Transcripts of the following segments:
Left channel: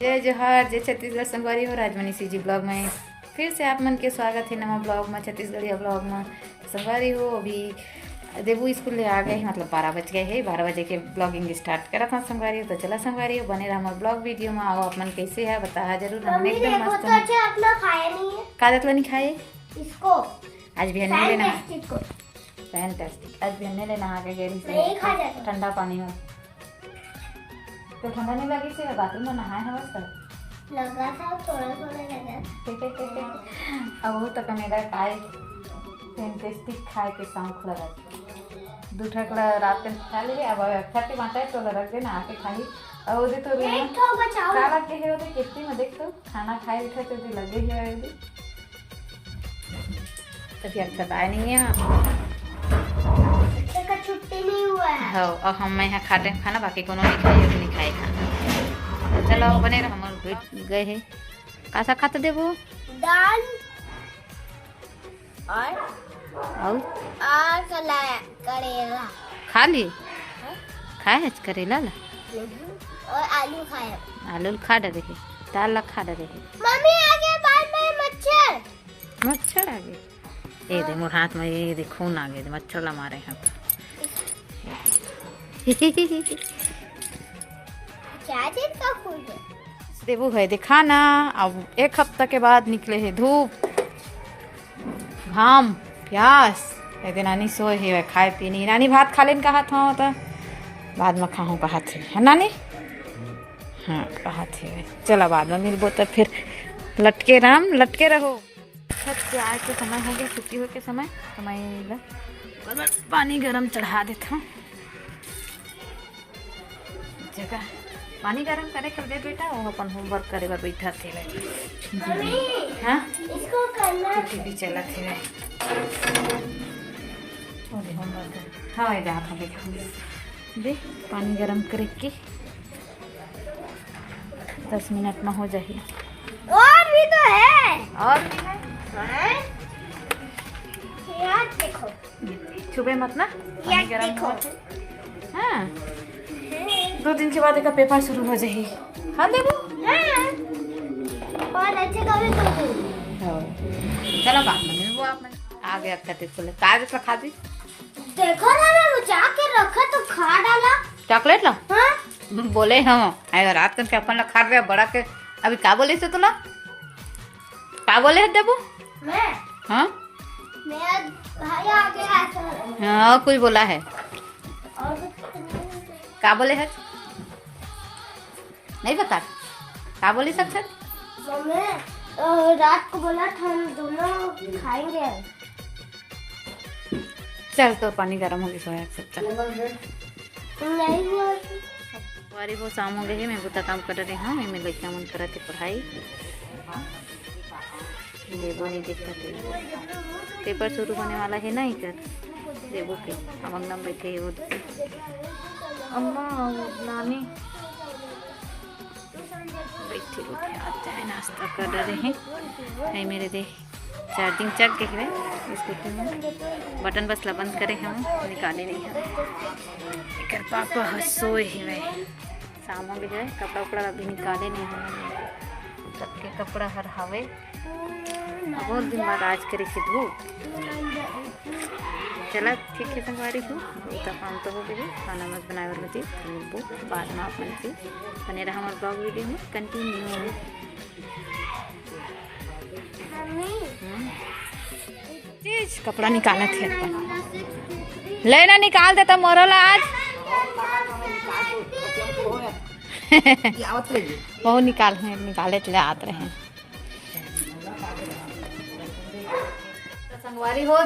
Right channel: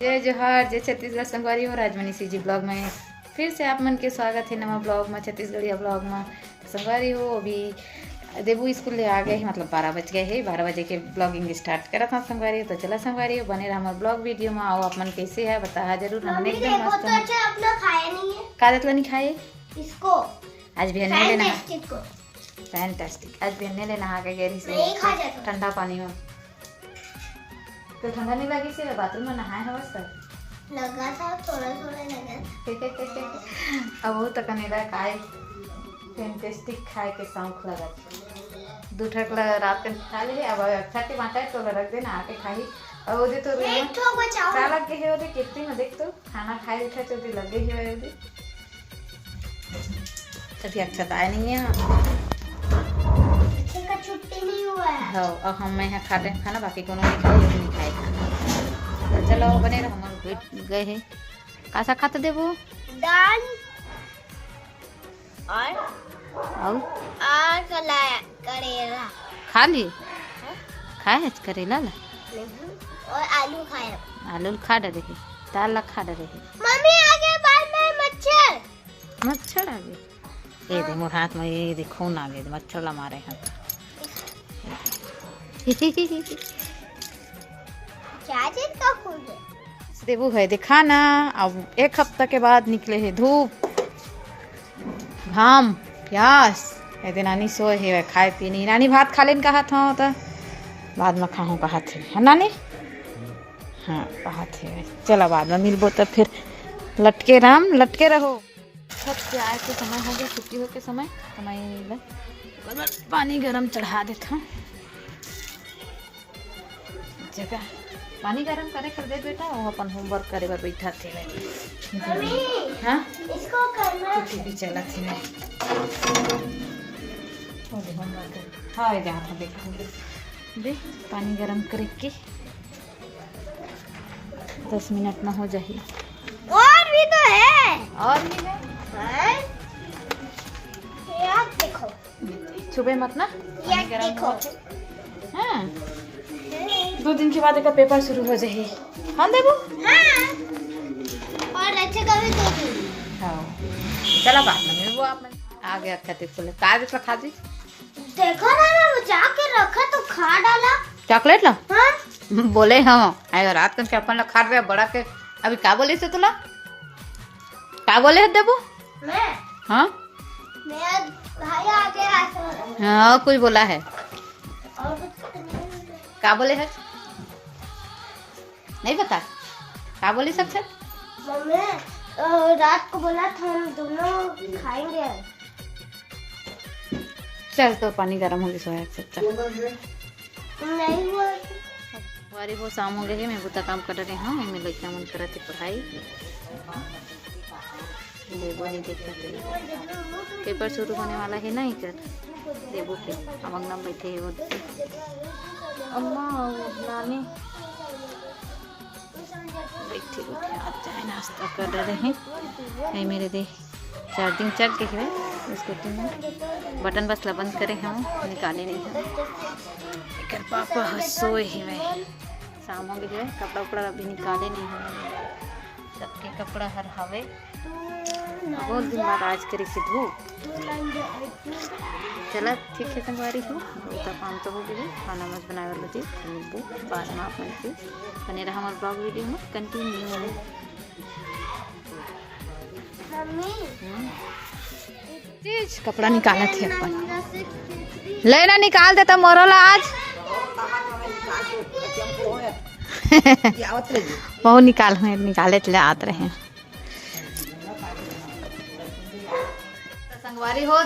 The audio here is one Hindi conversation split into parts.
जय जोहार, जय छत्तीसगढ़ संगवारी हो। राजमनी जी ब्लॉग में फिर से आप मन के स्वागत है नवा ब्लॉग में, छत्तीसगढ़िया ब्लॉग में। संगवारी हो अभी देबू स्कूल ले आ गए, मतलब 12 बज गए है। 12 बजे के ब्लॉगिंग स्टार्ट करा था संगवारी हो। तो चला संगवारी हो, बने रहा हमारे ब्लॉग वीडियो में। आओ आप मन कैसे है बता जरूर। हमने एकदम मस्त कागज नहीं खाए इसको आज भी नहीं लेना। फैंटास्टिक फैंटास्टिक आज भी नहीं लेना आ गए ठंडा पानी में। तो ठंडा नहीं लगी से बाथरूम में नहाए हो सर लगा था, थोड़ा थोड़ा लगा। अब वो तक मेरा काय फैंटास्टिक खाए के शौक लगा। दो ठक रात में खा लिए। अब अच्छा के बाटा तो रख देना आके खाई। और वो दे तो एक ठो बचाओ साला के है वो दे कितनी में देख तो खाना खाए उठा तो लगे ही है वो तभी अच्छा तो आए नहीं है। का छुट्टी नहीं हुआ है। हाँ और हम यहाँ खाते हैं खाना, बाकी कोनो नहीं खाए, नहीं खाए खाना। तो चलो बने रहो, हम बैठ गए हैं। कैसा खाते देबो दाल और करेला खा लिए खाए है करेला ला नहीं, और आलू खाया। आलू खा डरे है, दाल ला खा डरे है। मम्मी आगे बाद में मच्छर मच्छर आ गए। ये दे मोर हाथ में, ये दे खून आ गए, मच्छर ला मारे हैं। क्या चीज का फूल है? देबू है देखा ना। अब एक हफ्ता के बाद निकले है धूप घाम प्यास। कहते नानी सोए है खाए पी नहीं। नानी भात खा लेन कहा था तो बाद में खाऊं कहा थे है नानी। हाँ कहा थे चलो बाद में मिलबो तो फिर लटके राम लटके रहो। छत पे आए के समय हो गया, छुट्टी हो के समय पानी गरम चढ़ा देता हूँ। जगह पानी गरम करे कर दे बेटा, वो अपन होमवर्क करे बर बैठा थे। हाँ इसको करना टीवी चला थे होमवर्क। हाँ ये जहाँ था देखा दे पानी गरम करे के 10 मिनट में हो जाए। और भी तो है, और भी है यार देखो छुबे मत ना पानी गरम देखो। हो। हाँ 2 दिन के बाद एक पेपर शुरू हो जाए। हाँ देबू हाँ और अच्छे कभी तो हाँ चलो बाद में मिलबो। आप में आ गया खाते बोले ताज का खा दी। देखो ना मैं बचा के रखा तो खा डाला। चॉकलेट ला हाँ बोले हाँ अगर रात के अपन ला खा रहे बड़ा के। अभी का बोले से तुला का बोले है देबू। मैं हाँ मेरा भाई आगे आता हाँ कोई बोला है और का बोले है नहीं बता का बोले सब मम्मी रात को बोला था हम दोनों खाएंगे। चल तो पानी गर्म हो गया सब नहीं हुआ वारी वो शाम हो गए है। मैं बुता काम कर रहे हाँ मैं लड़का मन करा थे पढ़ाई देबो नहीं देखता थे। पेपर शुरू होने वाला है नहीं कर देबो के अब अंगना बैठे है वो अम्मा नानी बैठे बैठे आज चाय नाश्ता कर रहे हैं। नहीं मेरे दे चार्जिंग चक देखे स्कूटी में बटन बस ला बंद करे हम निकाले नहीं हम कर पापा हंसोए है। शाम हो गए कपड़ा उपड़ा अभी निकाले नहीं हम सबके कपड़ा हर हवे बहुत दिन बाद आज करे के धूप। चला ठीक है संगवारी हो उतना काम तो हो गए। खाना मत बनाए वाला चीज मिलबो बाद में आप मन से बने रहा हमारे ब्लॉग वीडियो में कंटिन्यू। कपड़ा निकाला थे अपन लेना निकाल देता मोरोला आज वो निकाले चले आते रहे। तो संगवारी हो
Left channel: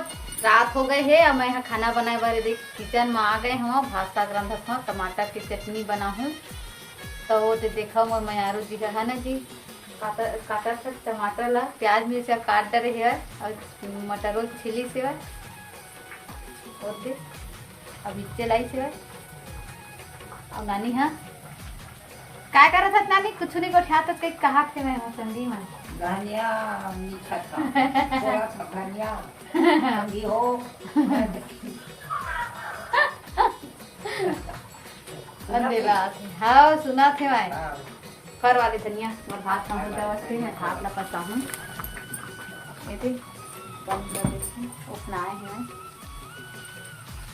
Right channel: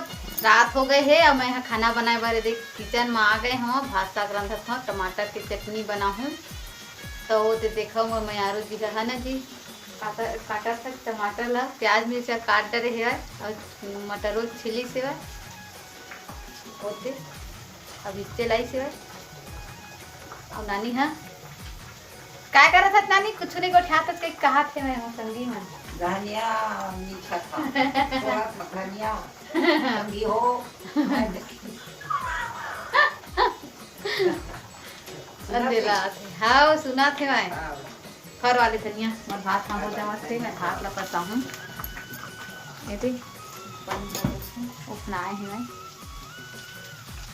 रात हो गए है। अब मैं यहाँ खाना बनाए बारे देख किचन में आ गए हम। भात साग रंधत हूँ, टमाटर की चटनी बना हूँ। तो वो देखा मोर मयारो जी है ना जी काटा था टमाटर ला प्याज मिर्चा काट डरे है और मटरों छिली से होते अब इससे लाई से और नानी हाँ क्या कर रहा था नानी कुछ नहीं गोठा तो कहीं कहा थे मैं हूँ संगी में अंधेरा हाँ सुना थे मैं कर वाले तनिया मोर भात हम हो जावत थे मैं भात ला करता हूँ बेटी उपनाए हैं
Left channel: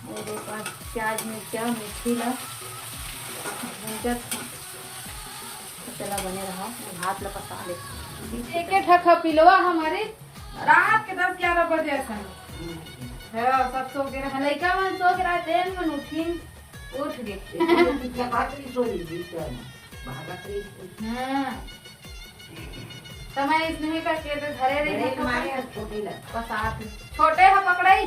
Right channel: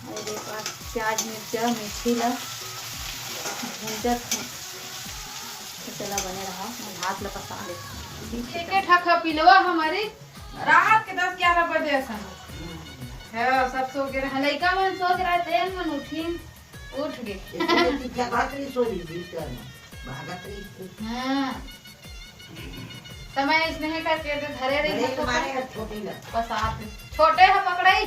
और एक बार प्याज मिर्चा मिर्ची ला भूंजत हूँ तो चला बने रहा मैं भात ला पका ले एक ठक पिलवा हमारे रात के 10-11 बजे ऐसा सब सो के रहे लड़का मन सो के रहे देन मन उठिन उठ गए हाँ तो मैं इसमें करके धरे रही छोटे है पकड़ाई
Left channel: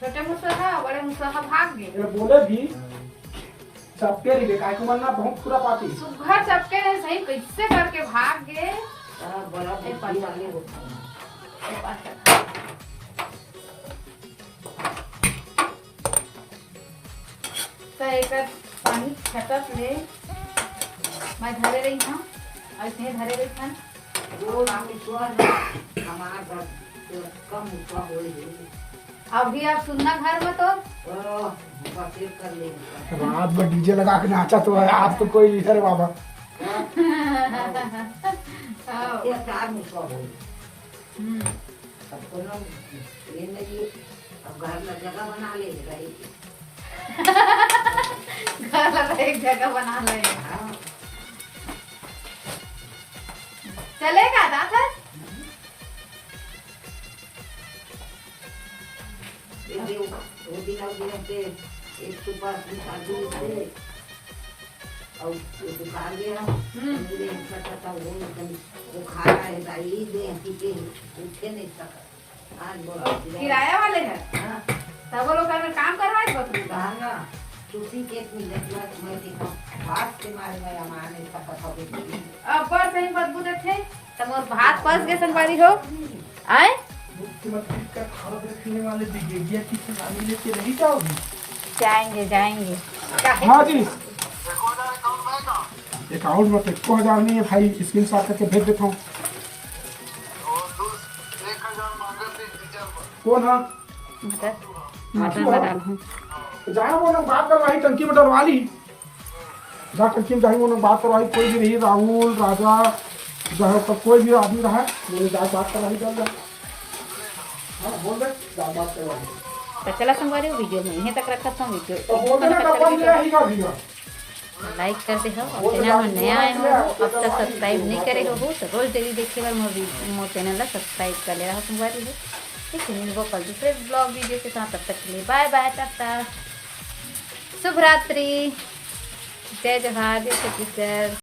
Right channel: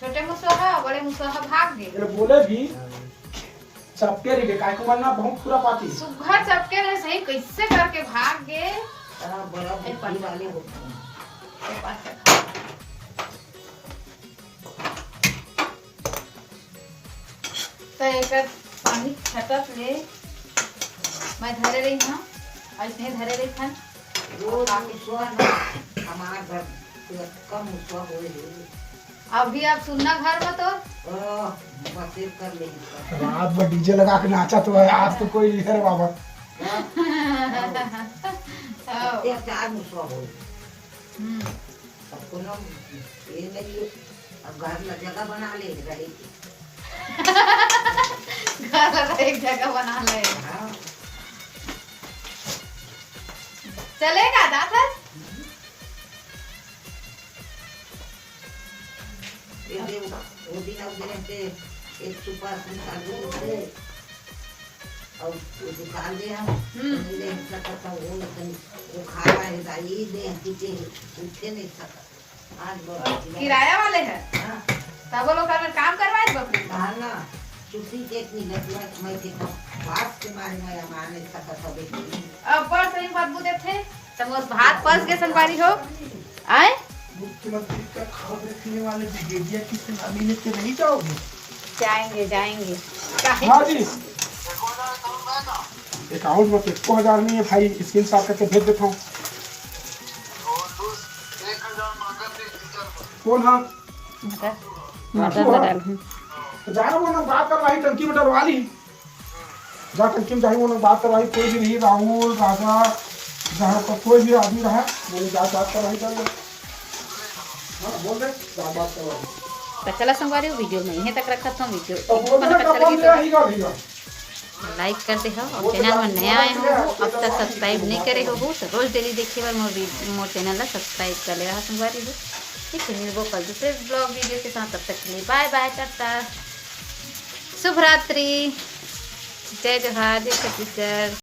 छोटे मुसहा बड़े मुसहा भाग गए बोले भी सबके रे काय को बनना बहुत पूरा पाती सुघर सबके रहे सही कैसे करके भाग गए तो एक पानी छटक ले मैं धरे रही हूँ ऐसे धरे रही था अभी आप सुनना घर में तो रात में डीजे लगा के नाचा तो है आज तो कोई नहीं करे बाबा घर एक जगह बना ले चलेगा दादा किराया वाले है तब वो लोग काम करवाए बकरी अब बड़ सही बदबू देते तब मोर भात पस गए संगवारी हो आए मुख्यमंत्री का खबर रखने वाले विजेजिया की सलामी लेके नहीं जाओगे जाएंगे जाएंगे हाँ जी अकाउंट में 1,000 नहीं है भाई स्क्रीन शॉट करके भेज देता हूँ कौन है मटर डाल हूँ जहाँ वो लोग बात करवाई टंकी में डलवा ली जहाँ टंकी में जाए वो लोग बात करवाई कोई भी नहीं राहुल राजा जहाँ पर कोई भी आदमी रहा मैंने जहाँ बात करवाई जाएगा बोल दे बात करवाई तो चला संगवारी वीडियो में यहीं तक रखा था वीडियो लाइक करते हो और चैनल में नया आए हो अब तक सब्सक्राइब नहीं करे हो तो रोज डेली देखे बार मोर चैनल ला सब्सक्राइब कर ले रहा संगवारी हो ठीक है मिलबो कल दूसरे ब्लॉग वीडियो के साथ तब तक के लिए बाय बाय टाटा शुभ रात्रि जय जोहार जय छत्तीसगढ़।